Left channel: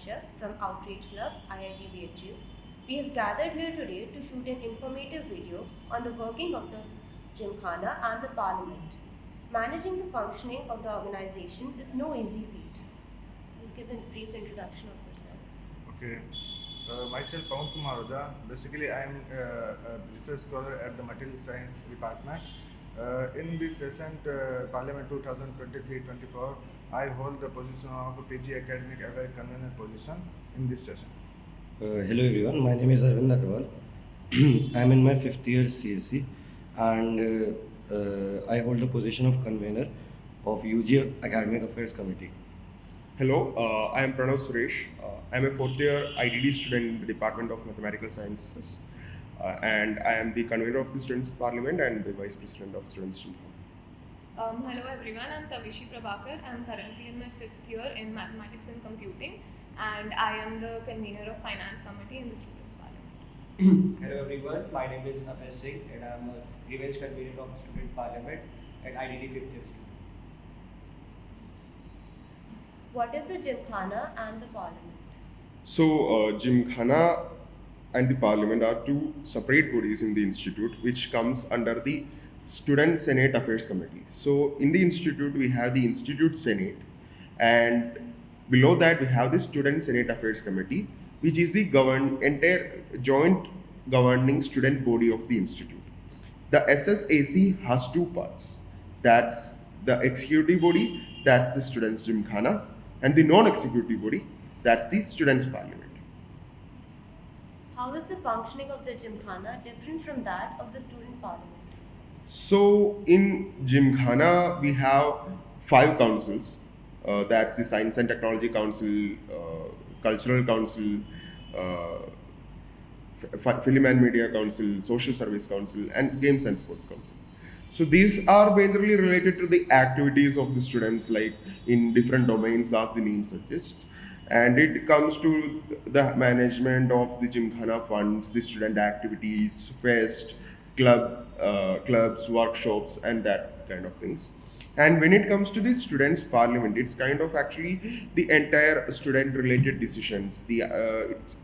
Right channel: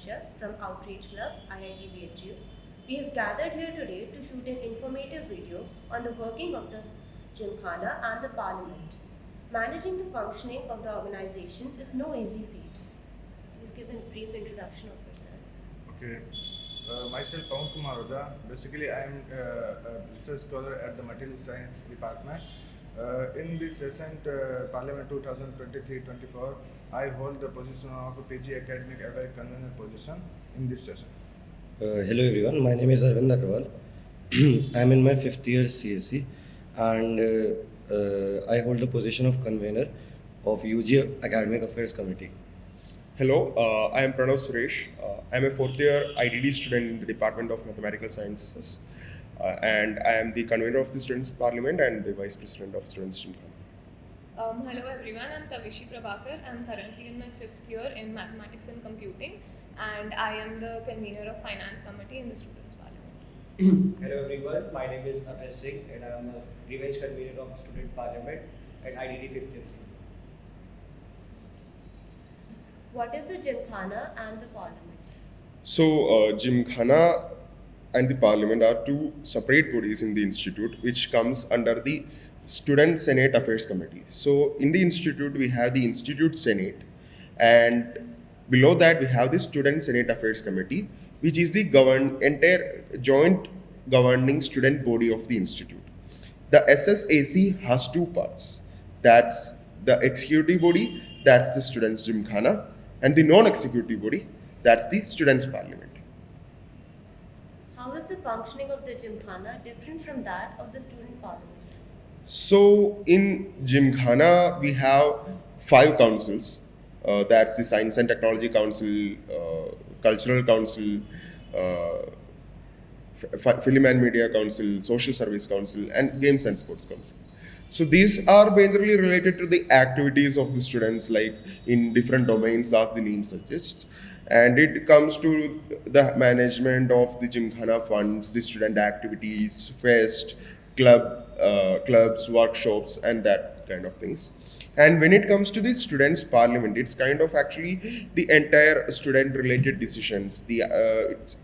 Harshad from Outreach Club, IIT BHU. We have gathered here today to shoot an informative video on the working of the Gymkhana and the Parliament. Managing the functioning of the organization is no easy feat. Please give a brief introduction of yourselves. Okay. Myself, Pawan Kumar Oja. Basically, I am a research scholar at the Material Science Department. In this recent Parliament 2023-24, I hold the position of a PG Academic Award Convener position in this session. Hello everyone, my name is Arvind Agrawal. I am in my 5th year CSC and I hold the position of convener of UG Academic Affairs Committee. Hello, I am Pranav Suresh. I am a 4th year IDD student in the Department of Mathematical Sciences and I am the convener of the Students' Parliament and the Vice President of Students' Gymkhana. Hello everyone, I'm Tavishi Prabhakar. I'm currently in my 5th year in Mathematics and Computing and I am the convener of Finance Committee in the Students' Parliament. Hello everyone, my name is Abhay Singh and I am a revenge convener of Student Parliament at IIT 5th year student. What is the Gymkhana and the Parliament? So, Gymkhana and the Parliament are two separate bodies in the institute which comes under the Student Senate Affairs Committee. So, in the institute we have the Institute Senate and below that we have the Student Senate Affairs Committee, which is the entire joint governing student body of the institute. The SSAC has two parts. That's the executive body, that's the Students' Gymkhana, and the non-executive body, that's the Students' Parliament. How is the functioning of the Gymkhana different from that of the Student Parliament? So in Gymkhana, we have 5 councils. That's the Science and Technology Council, Cultural Council, Film and Media Council, Social Service Council, and Games and Sports Council. So these are majorly related to the activities of the students, like in different domains as the name suggests. And it comes to the management of the Gymkhana funds, the student activities, fest, clubs, workshops, and that kind of things. And when it comes to the Students' Parliament, it's kind of actually the entire student-related decisions.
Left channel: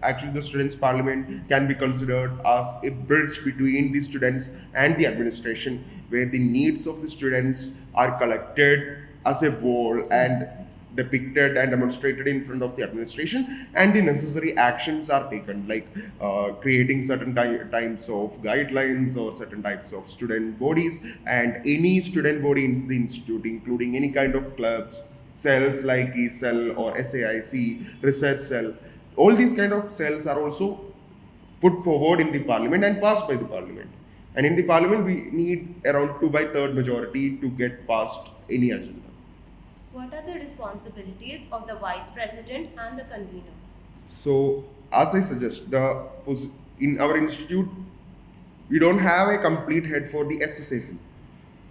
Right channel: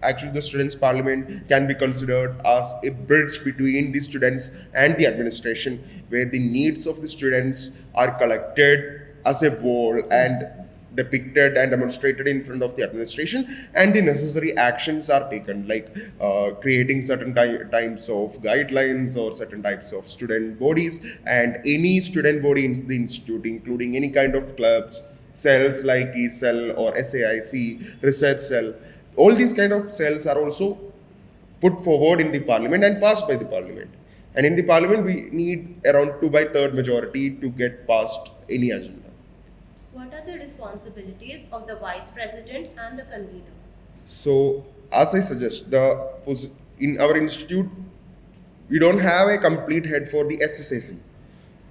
Actually, the Students' Parliament can be considered as a bridge between the students and the administration, where the needs of the students are collected as a whole and depicted and demonstrated in front of the administration, and the necessary actions are taken, like creating certain types of guidelines or certain types of student bodies, and any student body in the institute, including any kind of clubs, cells like E-cell or SAIC, research cell, all these kind of cells are also put forward in the parliament and passed by the parliament. And in the parliament, we need around 2/3 majority to get past any agenda. What are the responsibilities of the Vice President and the Convener? So, as I suggest, in our institute, we don't have a complete head for the SSAC.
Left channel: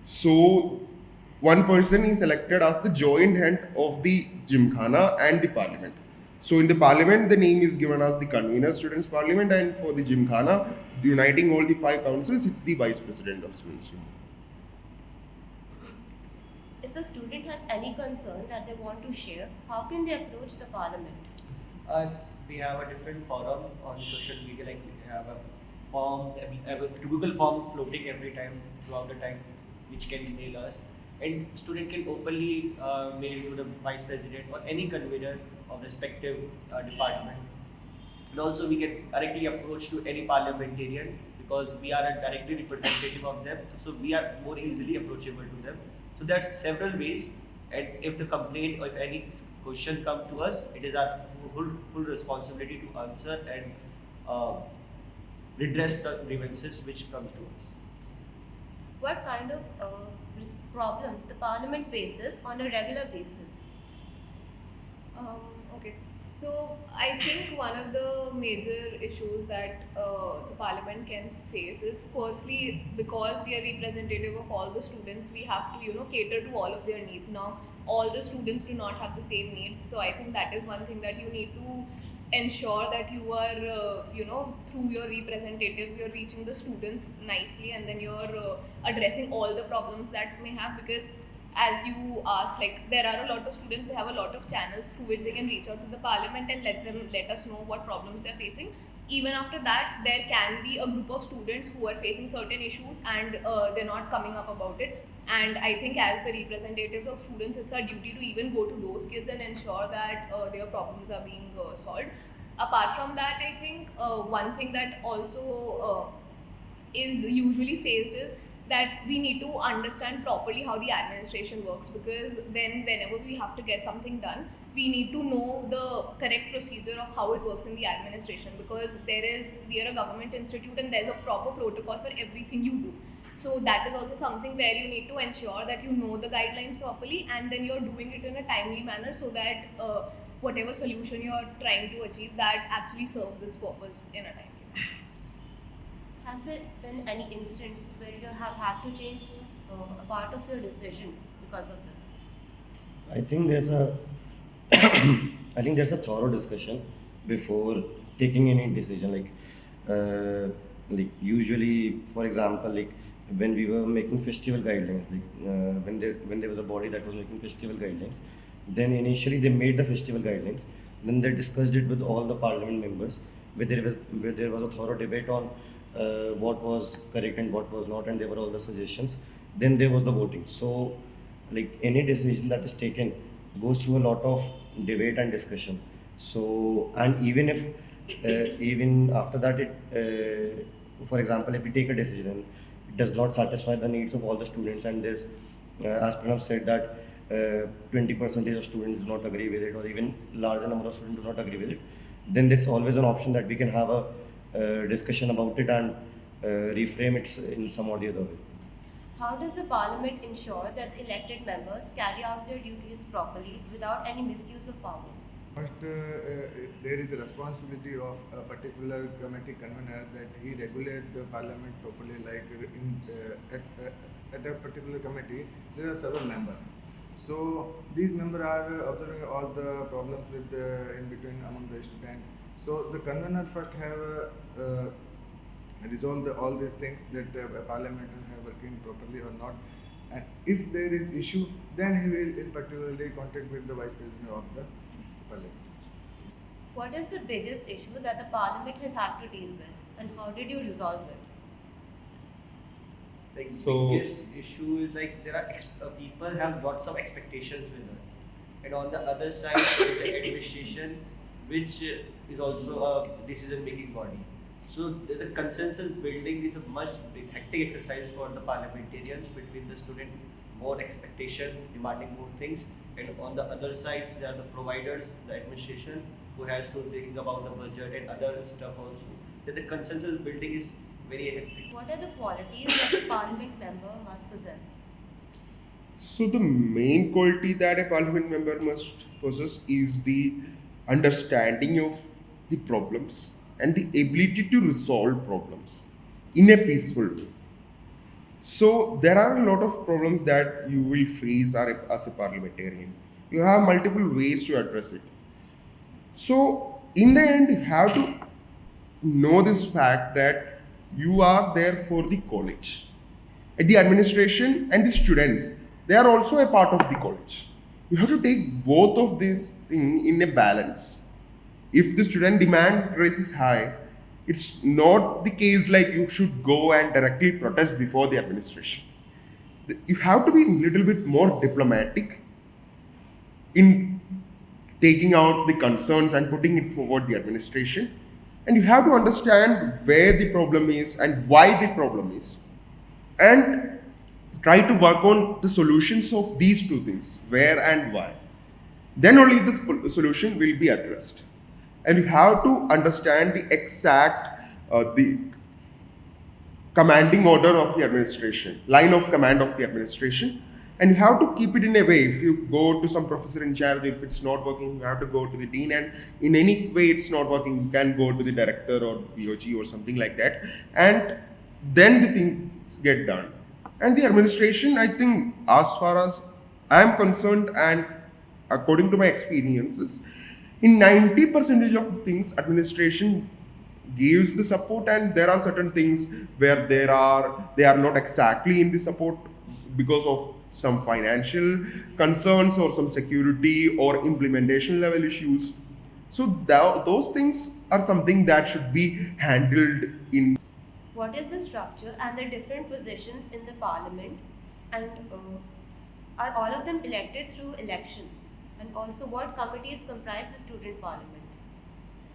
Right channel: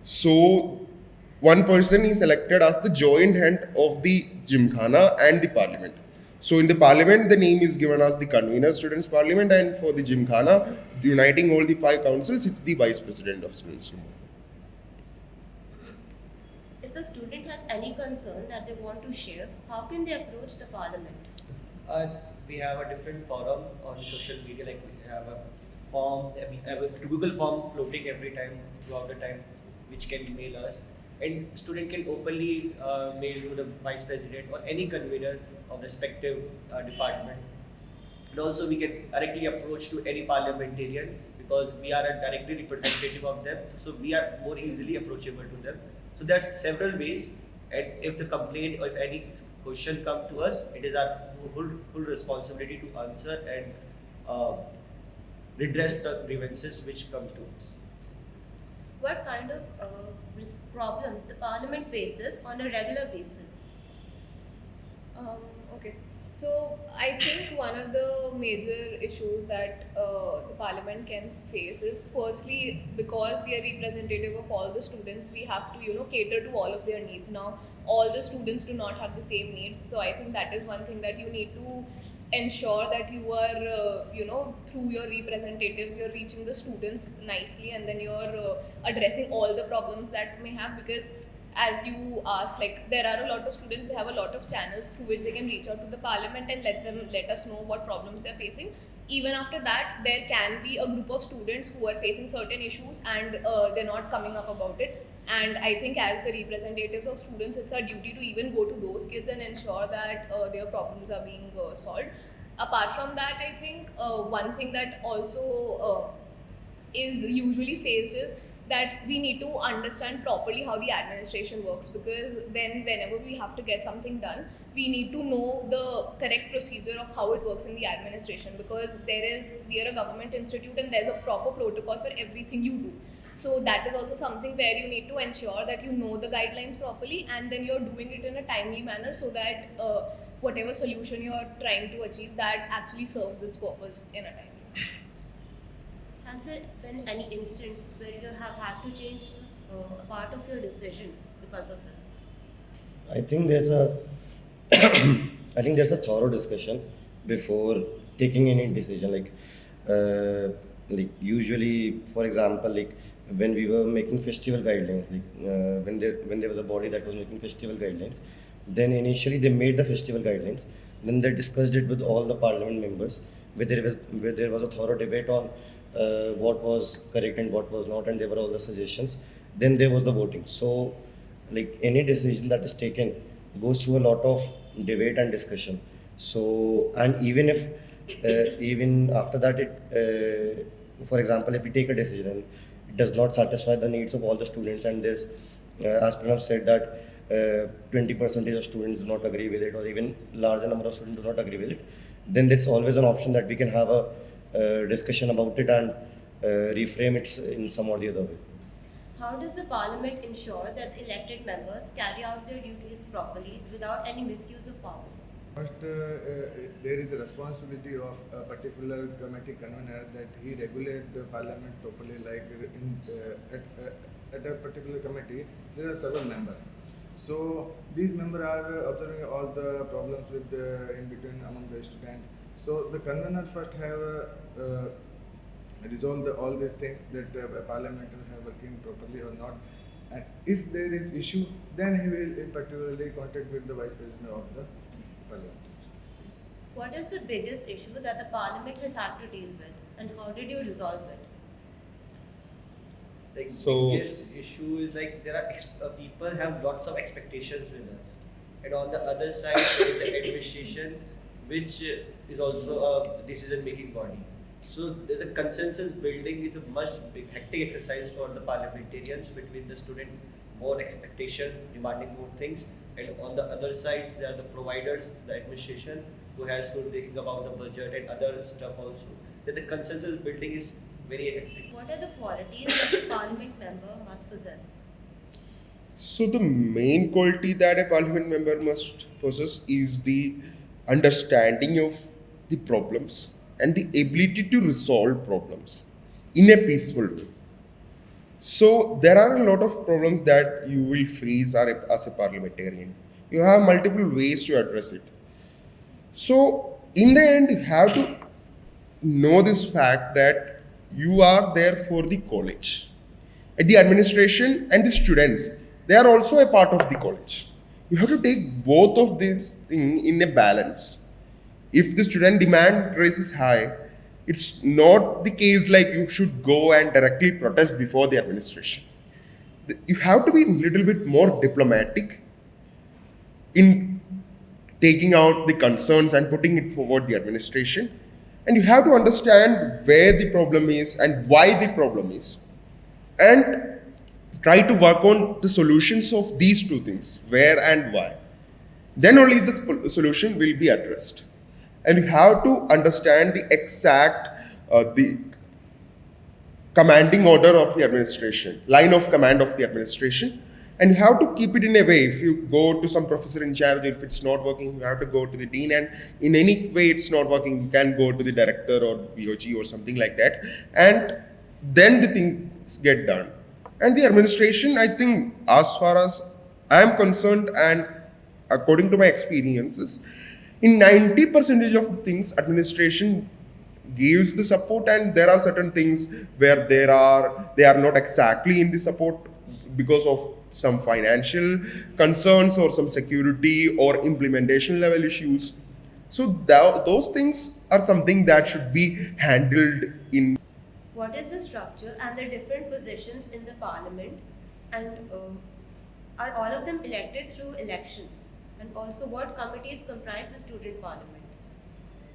So, one person is elected as the joint head of the Gymkhana and the Parliament. So, in the Parliament, the name is given as the Convener Students' Parliament, and for the Gymkhana, uniting all the 5 councils, it's the Vice President of Students' Gymkhana. If a student has any concern that they want to share, how can they approach the Parliament? We have a different forum on social media, like we have a form, we have a Google form floating every time throughout the time, which can mail us. And student can openly mail to the Vice President or any convener of respective department. And also we can directly approach to any parliamentarian because we are a directly representative of them, so we are more easily approachable to them. So there's several ways, and if the complaint or if any question come to us, it is our full responsibility to answer and redress the grievances which comes to us. What kind of problems the Parliament faces on a regular basis? Okay. So I think one of the major issues that the Parliament can face is, firstly, because we are representative of all the students, we have to cater to all of their needs. Now all the students do not have the same needs, so I think that is one thing that you need to ensure that you are through your representatives you're reaching the students nicely, and then you're addressing all the problems that may have, because as you asked, like there are a lot of students, they have a lot of channels through which they can reach out to the parliament and let us know what problems they're facing. Even after that, there can be a group of students who are facing certain issues and they're not coming up about it. And I think as the representatives of students, it's our duty to even go to those kids and ensure that their problems are being solved. Apart from that, I think one thing that also is usually faced is that we need to understand properly how the administration works, because whenever we have to get something done, we need to know the correct procedure of how it works in the administration, because we are a government institute and there's a proper protocol for everything you do. So that is also something where you need to ensure that you know the guidelines properly and then you're doing it in a timely manner, so that whatever solution you're trying to achieve, that actually serves its purpose in a timely manner. Has there been any instance where you have had to change a part of your decision because of this? I think there's a I think there's a thorough discussion before taking any decision. Like usually, for example, like when we were making festival guidelines, when there was a body that was making festival guidelines, then initially they made the festival guidelines. Then they discussed it with all the parliament members, where there was a thorough debate on what was correct and what was not, and there were all the suggestions. Then there was the voting. So, like any decision that is taken goes through a lot of debate and discussion. So, and even if even after that, for example, if we take a decision and it does not satisfy the needs of all the students, and there's, as Pranav said, that 20% of students do not agree with it, or even larger number of students do not agree with it, then there's always an option that we can have a discussion about it and reframe it in some or the other way. How does the parliament ensure that elected members carry out their duties properly without any misuse of power? First, there is a responsibility of a particular committee convener that he regulate the parliament properly. Like at a particular committee, there are several members. So these members are observing all the problems with in between among the students. So the convener first have resolve all these things, that parliamentarians have working properly or not. And if there is issue, then he will in particularly contact with the vice president of the parliament. What is the biggest issue that the parliament has had to deal with, and how did you resolve it? Like So- biggest issue is like there are people have lots of expectations with us, and on the other side there is an administration which is also a decision-making body. So there's a consensus building is a much hectic exercise for the parliamentarians between the student, more expectation, demanding more things, and on the other sides there are the providers, the administration, who has to think about the budget and other stuff also. That the consensus building is very hectic. What are the qualities that a parliament member must possess? So the main quality that a parliament member must possess is the understanding of the problems and the ability to resolve problems in a peaceful way. So there are a lot of problems that you will face as a parliamentarian. You have multiple ways to address it. So in the end, you have to know this fact that you are there for the college. The administration and the students, they are also a part of the college. You have to take both of these things in a balance. If the student demand raises high, it's not the case like you should go and directly protest before the administration. You have to be a little bit more diplomatic in taking out the concerns and putting it forward the administration. And you have to understand where the problem is and why the problem is. And try to work on the solutions of these two things, where and why. Then only the solution will be addressed. And you have to understand the exact, the commanding order of the administration, line of command of the administration. And you have to keep it in a way. If you go to some professor in charge, if it's not working, you have to go to the dean. And in any way it's not working, you can go to the director or BHU or something like that. And then the things get done. And the administration, I think, as far as I am concerned, and according to my experiences, in 90% of things, administration gives the support, and there are certain things where they are not exactly in the support because of some financial concerns or some security or implementation level issues. So those things are something that should be handled in. What is the structure and the different positions in the parliament, and are all of them elected through elections? And also, what committees comprise the student parliament?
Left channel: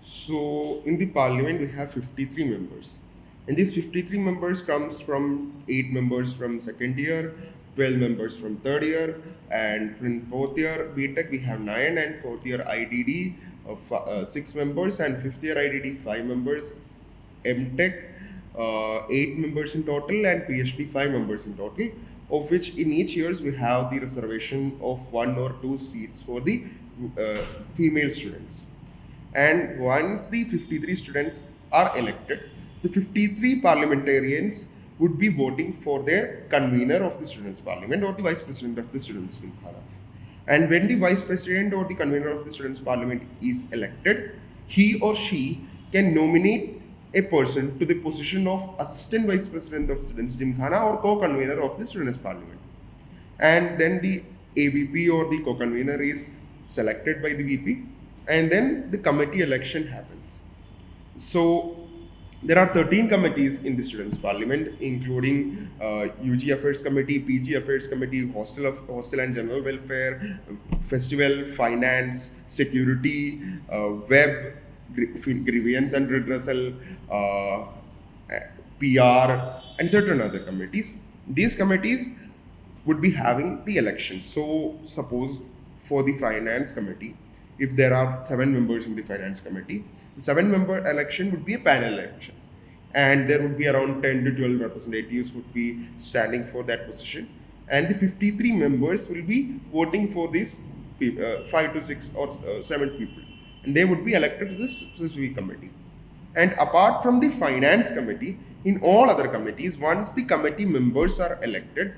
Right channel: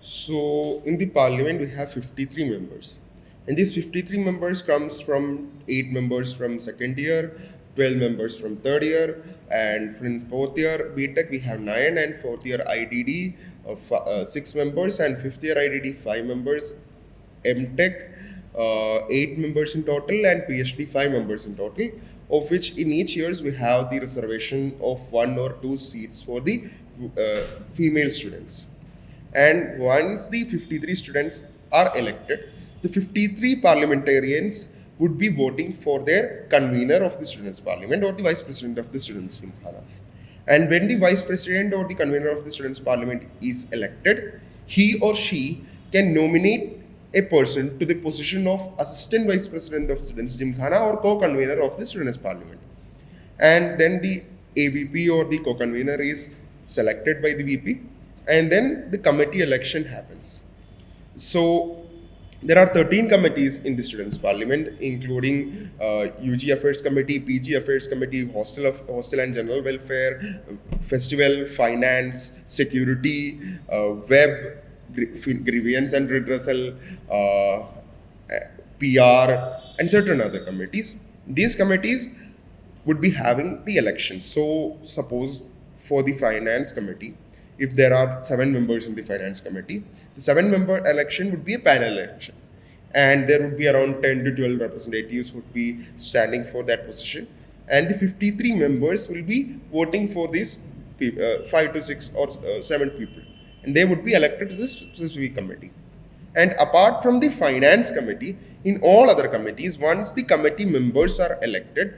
So in the parliament we have 53 members, and these 53 members comes from 8 members from second year, 12 members from third year, and from fourth year BTech we have 9, and fourth year IDD 6 members, and fifth year IDD 5 members, MTech 8 members in total, and PhD 5 members in total, of which in each years we have the reservation of 1 or 2 seats for the female students. And once the 53 students are elected, the 53 parliamentarians would be voting for their convener of the students' parliament or the vice president of the students' Gymkhana. And when the vice president or the convener of the students' parliament is elected, he or she can nominate a person to the position of assistant vice president of students' Gymkhana or co-convener of the students' parliament. And then the AVP or the co-convener is selected by the VP, and then the committee election happens. So there are 13 committees in the students' parliament, including UG Affairs Committee, PG Affairs Committee, Hostel and General Welfare, Festival, Finance, Security, Web, Grievance and Redressal, PR, and certain other committees. These committees would be having the elections. So suppose for the Finance Committee, if there are 7 members in the Finance Committee, the 7-member election would be a panel election. And there would be around 10 to 12 representatives would be standing for that position. And the 53 members will be voting for these 5 to 6 or 7 people. And they would be elected to this specific committee. And apart from the Finance Committee, in all other committees, once the committee members are elected,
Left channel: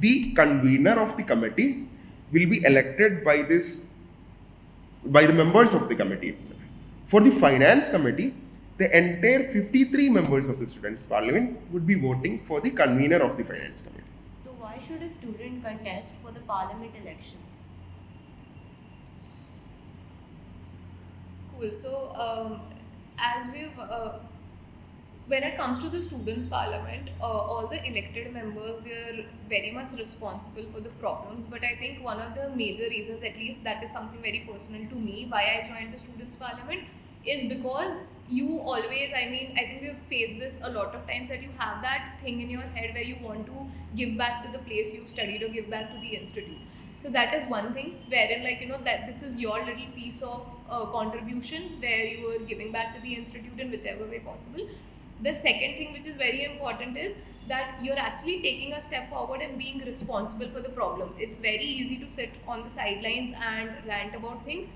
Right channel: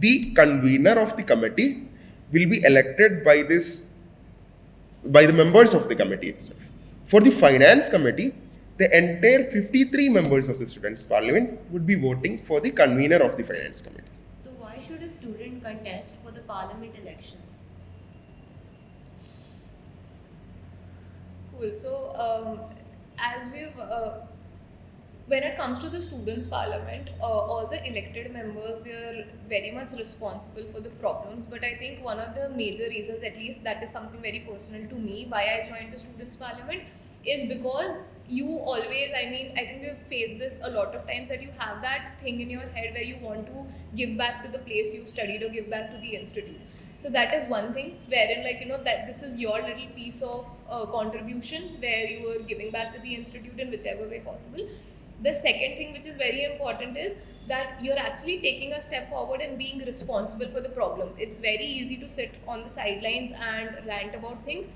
the convener of the committee will be elected by the members of the committee itself. For the Finance Committee, the entire 53 members of the Students' Parliament would be voting for the convener of the Finance Committee. So, why should a student contest for the parliament elections? Cool. So, as we've when it comes to the students' parliament, all the elected members, they're very much responsible for the problems. But I think one of the major reasons, at least that is something very personal to me, why I joined the students' parliament is because you always, I think we've faced this a lot of times, that you have that thing in your head where you want to give back to the place you studied or give back to the institute. So that is one thing wherein, that this is your little piece of contribution where you are giving back to the institute in whichever way possible. The second thing which is very important is that you're actually taking a step forward and being responsible for the problems. It's very easy to sit on the sidelines and rant about things,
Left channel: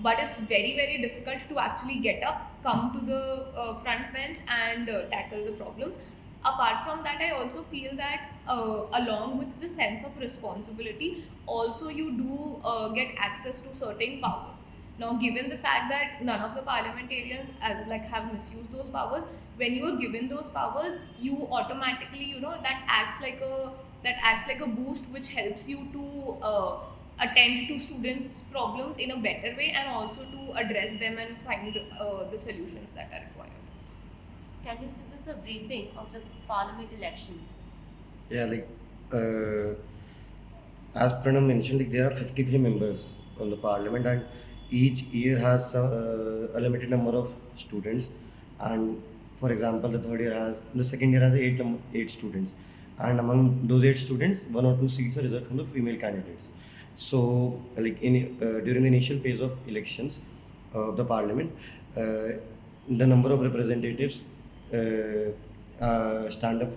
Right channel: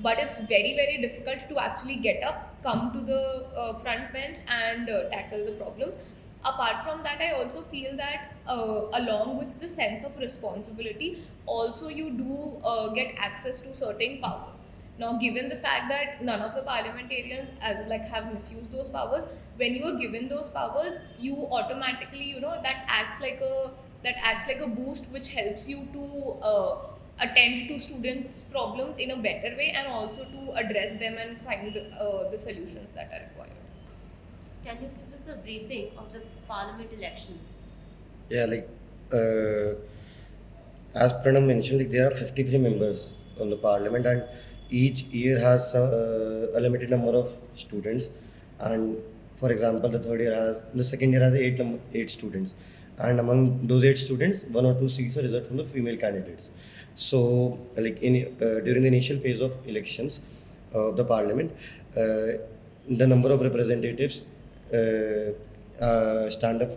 but it's very, very difficult to actually get up, come to the front bench and tackle the problems. Apart from that, I also feel that along with the sense of responsibility, also you do get access to certain powers. Now, given the fact that none of the parliamentarians have misused those powers, when you are given those powers, you automatically, that acts like a boost, which helps you to attend to students' problems in a better way and also to address them and find the solutions that are required. Can you give us a briefing of the parliament elections? Yeah, as Pranav mentioned, there are 53 members on the parliament, and each year has a limited number of students. And for example, the second year has 8 students, and among those 8 students, 1 or 2 seats are reserved from the female candidates. So, during the initial phase of elections of the parliament, the number of representatives stand up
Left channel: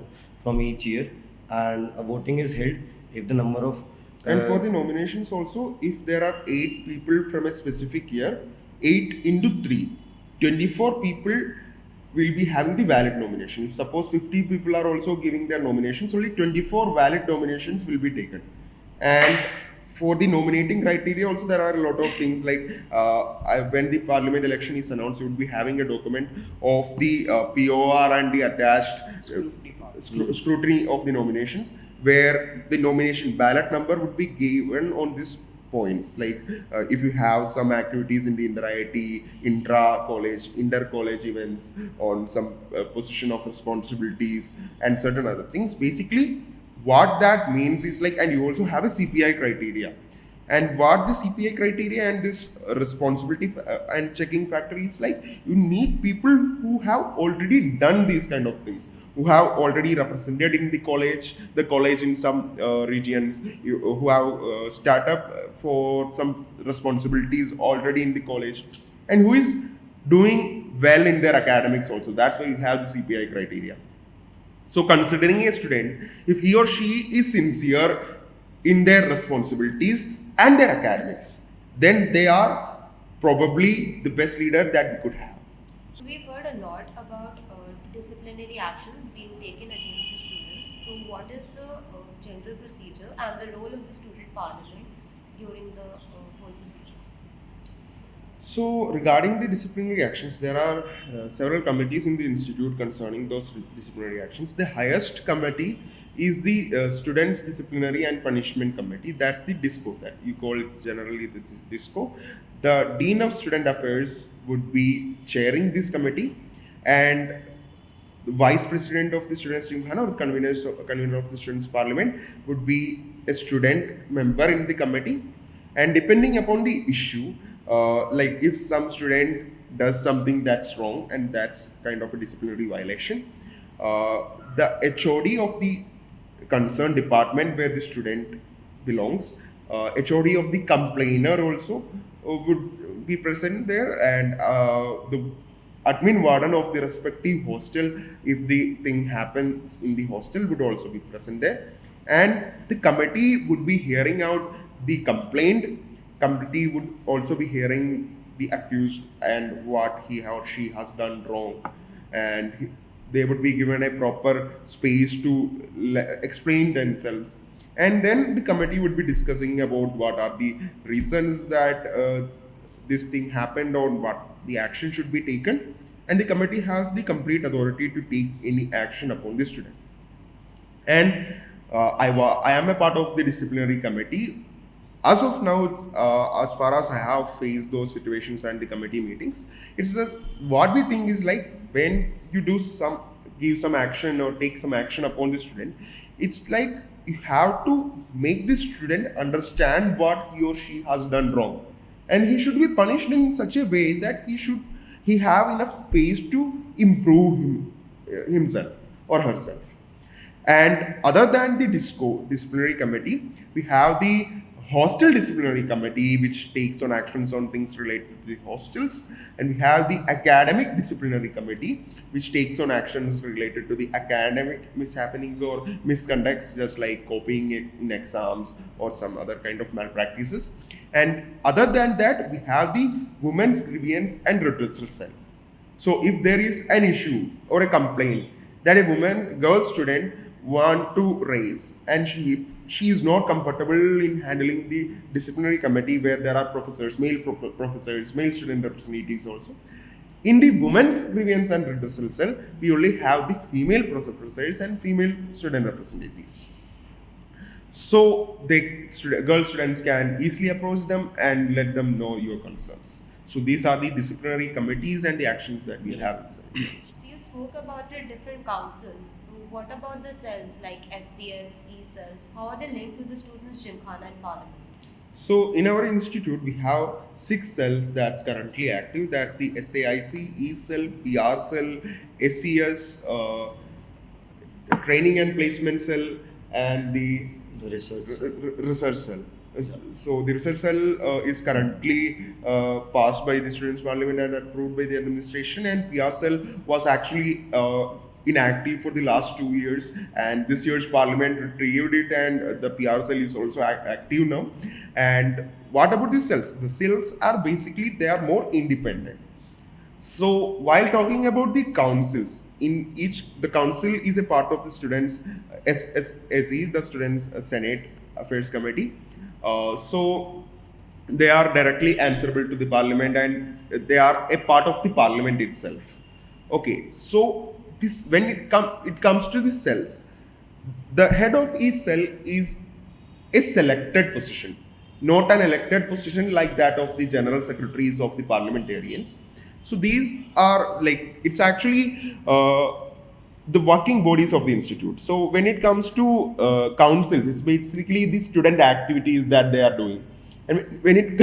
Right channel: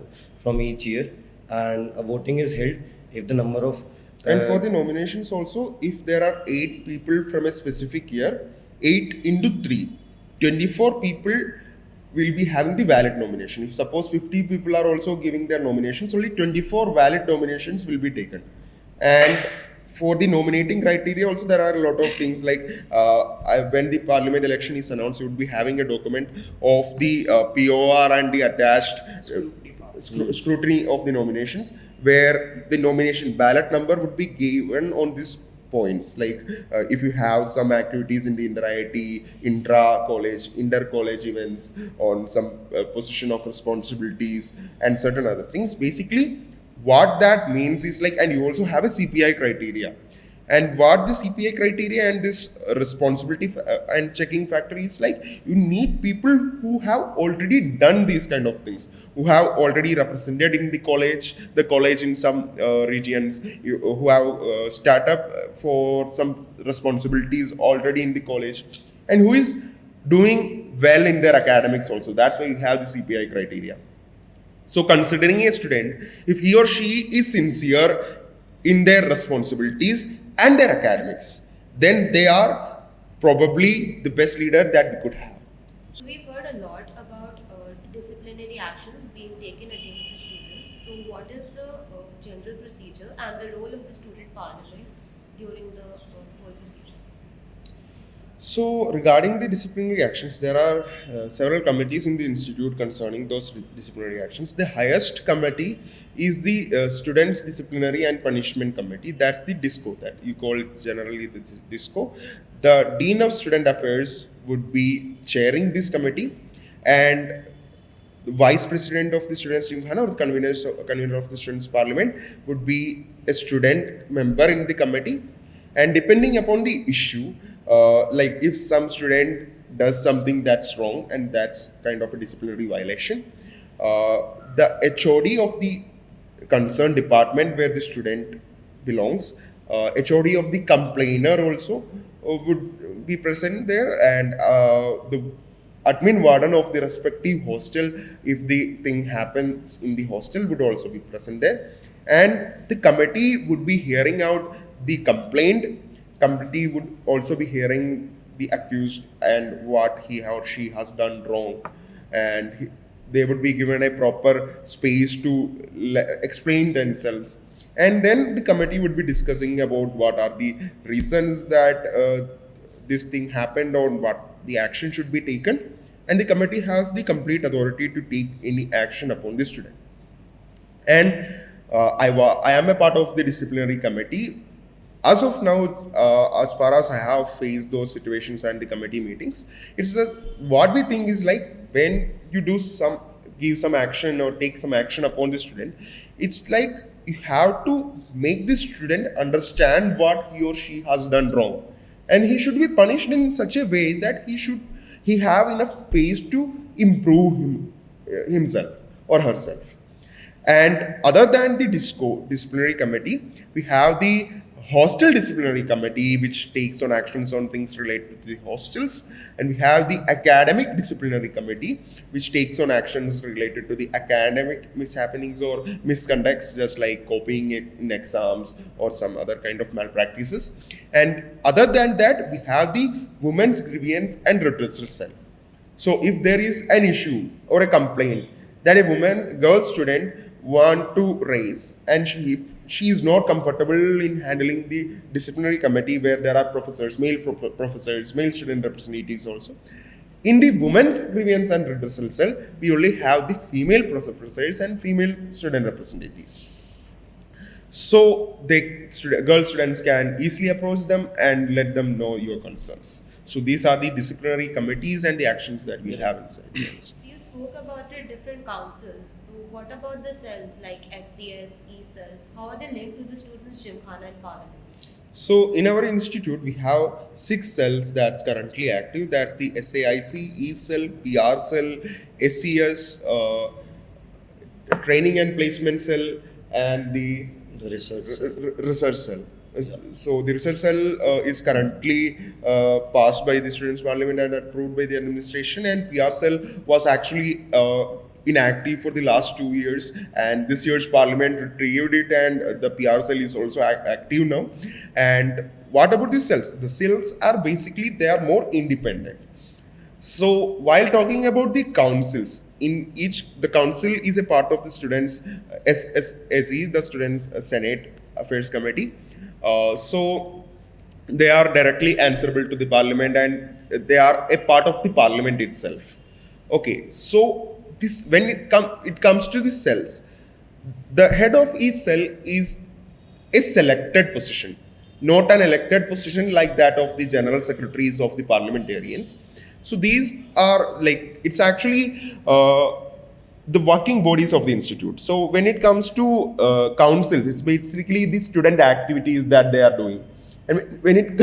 from each year, and a voting is held if the number of and for the nominations also, if there are 8 people from a specific year, 8 into 3, 24 people will be having the valid nomination. If suppose 50 people are also giving their nominations, only 24 valid nominations will be taken. And for the nominating criteria also there are a lot of things like when the parliament election is announced, you would be having a document of the POR and the attached Scrutiny part. scrutiny of the nominations, where the nomination ballot number would be given on these points, like if you have some activities in the inter-IIT, intra-college, inter-college events on some position of responsibilities and certain other things. Basically, what that means is like, and you also have a CPI criteria. And what the CPI criteria and this responsibility and checking factor is like, you need people who have already done these kind of things, who have already represented in the college in some regions, who have startup for some responsibilities already in the college, and who is doing well in their academics also. That's why you have the CPI criteria. So considering a student, if he or she is sincere in their responsibilities and their academics, then they are probably the best leader that we could have. So we've heard a lot about disciplinary actions being taken against the students. So what is the general procedure and the role of the student parliament during the whole procedure? So regarding the disciplinary actions, there are several committees in the institute concerning those disciplinary actions. The highest committee is the Students Disciplinary and Punishment Committee. That's the DISCO, that you call it generally the DISCO. The Dean of Student Affairs would be chairing this committee, and the Vice President of the Students' Gymkhana, or the convener of the Students' Parliament, would be a student member in the committee. And depending upon the issue, like if some student does something that's wrong and that's kind of a disciplinary violation, the HOD of the concerned department where the student belongs, HOD of the complainer also would be present there, and the admin warden of the respective hostel, if the thing happens in the hostel, would also be present there. And the committee would be hearing out the complaint. Committee would also be the accused and what he or she has done wrong, and they would be given a proper space to explain themselves. And then the committee would be discussing about what are the reasons that this thing happened or what the action should be taken. And the committee has the complete authority to take any action upon the student. And I am a part of the disciplinary committee. As of now, as far as I have faced those situations and the committee meetings, it's just what we think is like, when you give some action or take some action upon the student, it's like you have to make the student understand what he or she has done wrong, and he should be punished in such a way that he have enough space to improve himself or herself. And other than the disciplinary committee, we have the hostel disciplinary committee, which takes on actions on things related to the hostels. And we have the academic disciplinary committee, which takes on actions related to the academic mishappenings or misconducts, just like copying it in exams or some other kind of malpractices. And other than that, we have the women's grievance and redressal cell. So if there is an issue or a complaint that a girl student want to raise, and she is not comfortable in handling the disciplinary committee where there are male professors, male student representatives also. In the women's grievance and redressal cell, we only have the female professors and female student representatives. So girl students can easily approach them and let them know your concerns. So these are the disciplinary committees and the actions that we have inside. So you spoke about the different councils. So what about the cells like SCS, E-cell? How are they linked to the students' Gymkhana and Parliament? So in our institute, we have 6 cells that's currently active. That's the SAIC, E-cell, PR cell, SCS, training and placement cell, and the research cell. So the research cell is currently passed by the Students' Parliament and approved by the administration, and PR cell was actually inactive for the last 2 years, and this year's Parliament retrieved it, and the PR cell is also active now. And what about the cells? The cells are basically, they are more independent. So while talking about the councils, the council is a part of the students' SE, the Students' Senate Affairs Committee. So they are directly answerable to the parliament, and they are a part of the parliament itself. Okay, so this when it comes to the cells, the head of each cell is a selected position, not an elected position like that of the general secretaries of the parliamentarians. So these are like, it's actually the working bodies of the institute. So when it comes to councils, it's basically the student activities that they are doing. And when it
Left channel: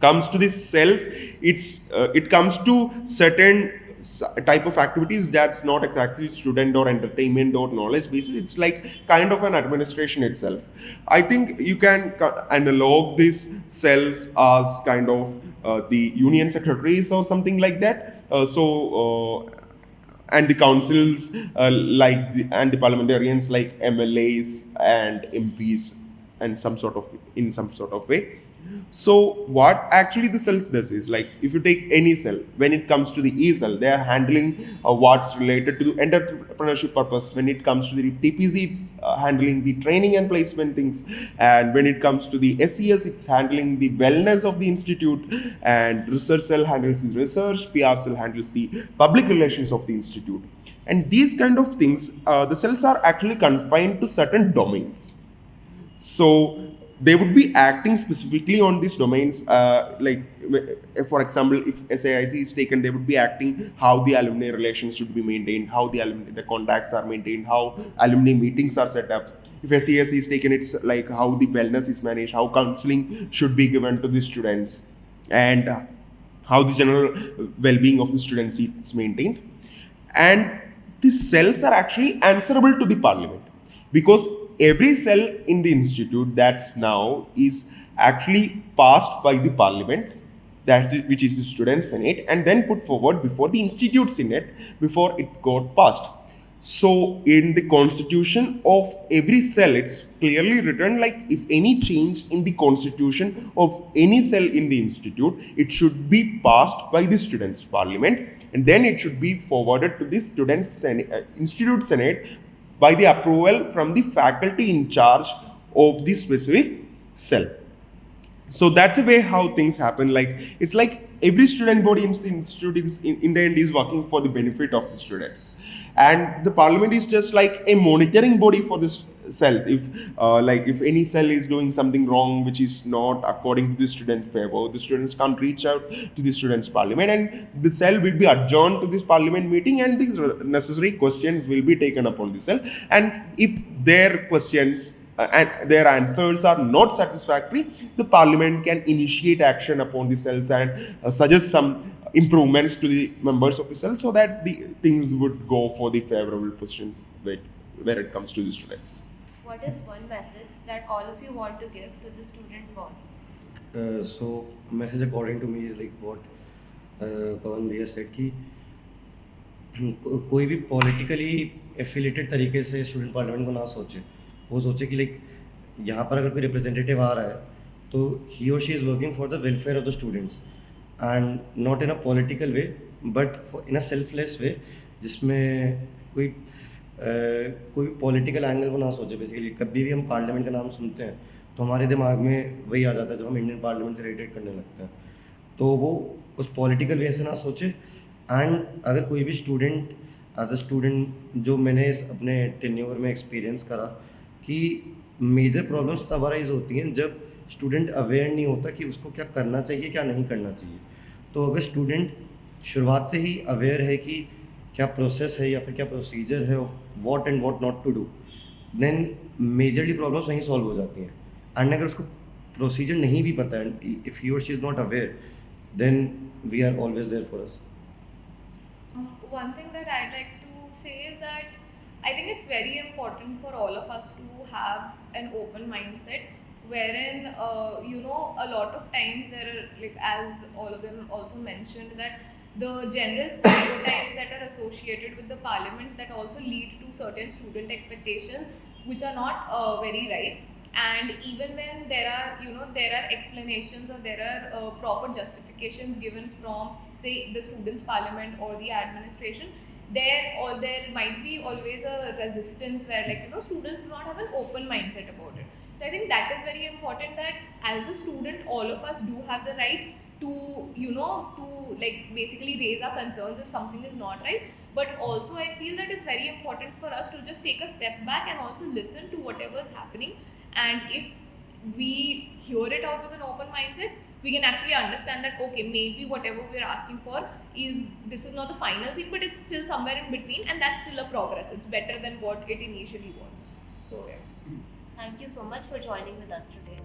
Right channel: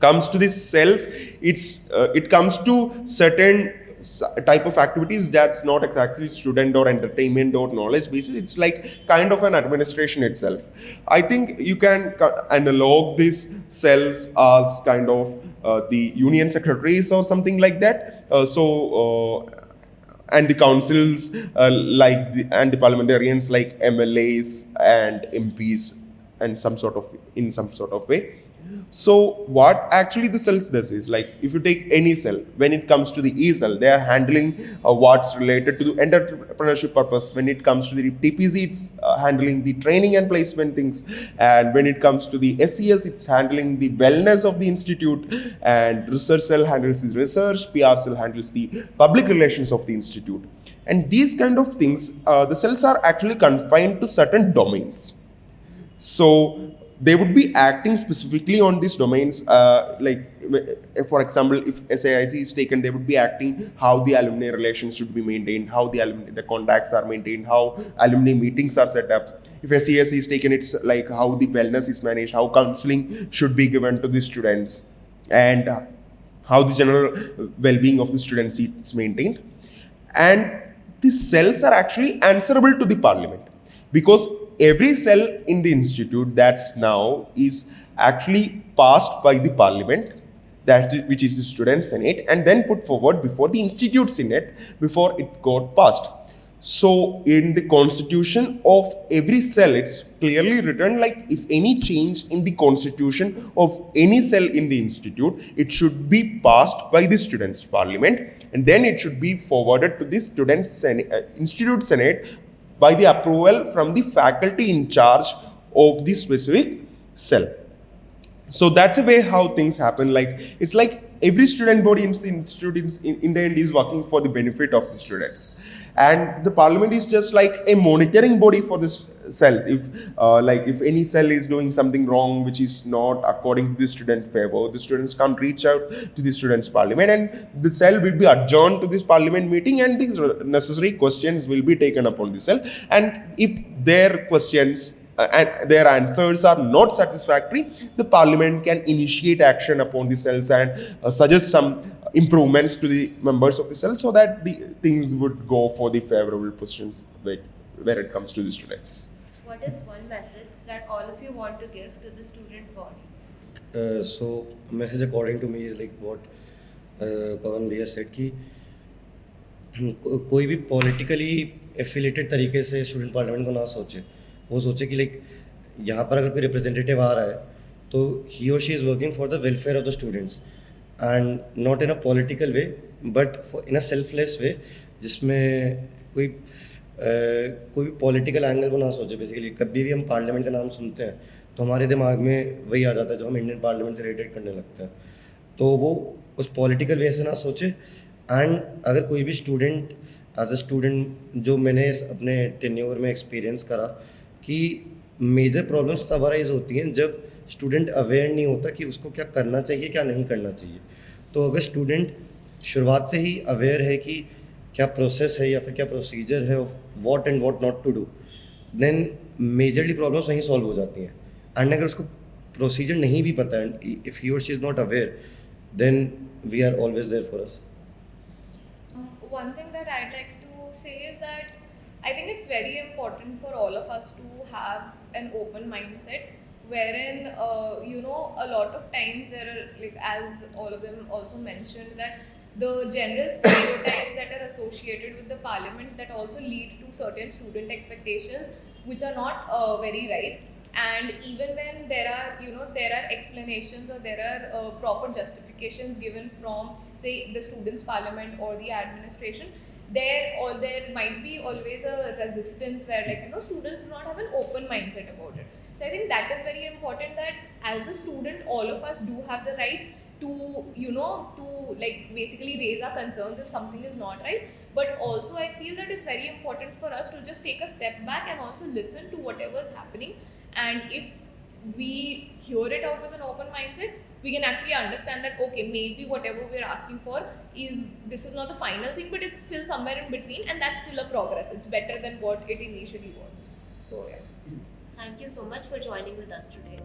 comes to the cells, it comes to certain type of activities that's not exactly student or entertainment or knowledge basis. It's like kind of an administration itself. I think you can analog these cells as kind of the union secretaries or something like that. And the councils and the parliamentarians like MLAs and MPs, and in some sort of way. So what actually the cells does is, like, if you take any cell, when it comes to the E cell, they are handling what's related to the entrepreneurship purpose. When it comes to the TPC, it's handling the training and placement things. And when it comes to the SES, it's handling the wellness of the institute. And research cell handles the research. PR cell handles the public relations of the institute. And these kind of things, the cells are actually confined to certain domains. So they would be acting specifically on these domains. For example, if SAIC is taken, they would be acting how the alumni relations should be maintained, how the contacts are maintained, how alumni meetings are set up. If SES is taken, it's like how the wellness is managed, how counseling should be given to the students, and how the general well-being of the students is maintained. And the cells are actually answerable to the parliament, because every cell in the institute that's now is actually passed by the parliament, which is the student senate, and then put forward before the institute senate before it got passed. So in the constitution of every cell, it's clearly written, like, if any change in the constitution of any cell in the institute, it should be passed by the students parliament, and then it should be forwarded to the institute senate by the approval from the faculty in charge of the specific cell. So that's a way how things happen. Like, it's like every student body in the institute in the end is working for the benefit of the students, and the parliament is just like a monitoring body for the cells. If any cell is doing something wrong which is not according to the student favor, the students can't reach out to the students parliament, and the cell will be adjourned to this parliament meeting, and these necessary questions will be taken upon the cell. And if their questions and their answers are not satisfactory, the parliament can initiate action upon the cells and suggest some improvements to the members of the cell, so that the things would go for the favorable positions where it comes to the students. What is one message that all of you want to give to the student body? So message according to me is like what Pawan Bhaiya said कि कोई भी politically affiliated तरीके से student parliament को ना सोचे, वो सोचे कि लाइक यहाँ पर अगर कोई रिप्रेजेंटेटिव आ रहा है तो ही और she is working for the welfare of the students, and not in a political way but in a selfless way, जिसमें कोई पॉलिटिकल एंगल को ना सोचे। बेसिकली कभी भी हम पार्लियामेंट का नाम सुनते हैं तो हमारे दिमाग में वही आ जाता है जो हम इंडियन पार्लियामेंट से रिलेटेड करने लगते हैं, तो वो उस पॉलिटिकल वे से ना सोचे। एंड अगर कोई भी स्टूडेंट एज अ स्टूडेंट, जो मैंने अपने टेन्योर में एक्सपीरियंस करा कि मेजर प्रॉब्लम्स तब अराइज होती हैं जब स्टूडेंट अवेयर नहीं होता कि उसको क्या करना चाहिए क्या नहीं करना चाहिए। तो अगर स्टूडेंट शुरुआत से ही अवेयर है कि क्या प्रोसेस है या फिर क्या प्रोसीजर है, what and what not to do, then majorly problems वहीं सॉल्व हो जाती हैं। एंड अगर उसको प्रोसीजर नहीं भी पता है, इफ़ ही और she is not aware, then we are always there for us. One thing that I'd like to say is that I think it's very important for all of us to have an open mindset, wherein a lot of times there are, like, as all of them also mentioned, that the general stereotypes that are associated with the parliament that also lead to certain student expectations which are not very right. And even when there are explanations or there are proper justifications given from, say, the students parliament or the administration, there might be always a resistance where, like, students do not have an open mindset about it. So I think that is very important, that as a student, all of us do have the right to, to like basically raise our concerns if something is not right. But also I feel that it's very important for us to just take a step back and also listen to whatever is happening. And if we hear it out with an open mindset, we can actually understand that okay, maybe whatever we're asking for this is not the final thing, but it's still somewhere in between, and that's still a progress. It's better than what it initially was. So yeah. Thank you so much for joining with us today.